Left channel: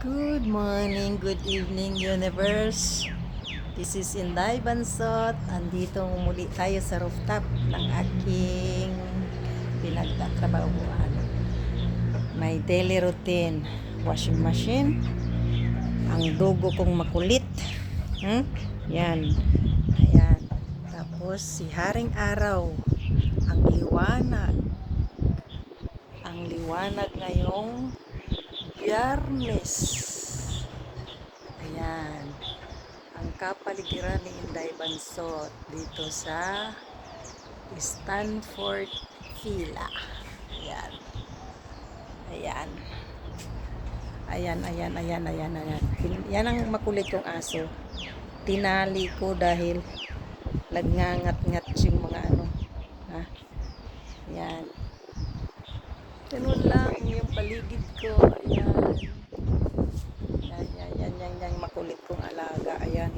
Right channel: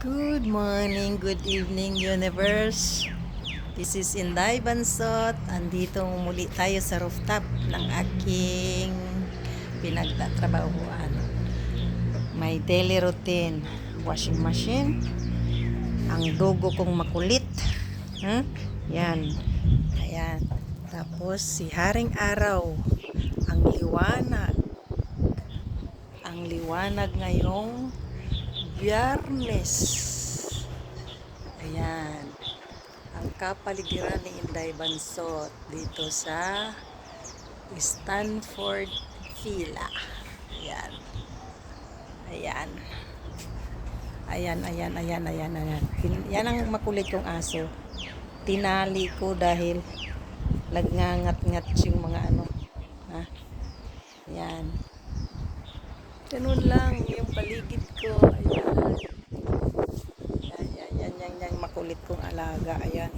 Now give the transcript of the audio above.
Good morning, good evening, universe. This is Inday Bansot. Andito muli tayo sa rooftop ng aking pinagtatrabahuan. My daily routine. Washing machine. Ang dugo kong makulit. Huh? Yan. Ayan. Tapos si Haring Araw. Ang liwanag. Ang liwanag ngayong Biyernes. Ayan. Ang kapaligiran ni Inday Bansot dito sa Stanford Villa. Ayan. Ayan. Ayan. Yan ang makulit kong aso. Tinali ko dahil nagngangat-ngat yung mga ano. Ha? Ayan. Tunod lang yung paligid ko. Ayan. Yan, makulit kong alaga. Ayan.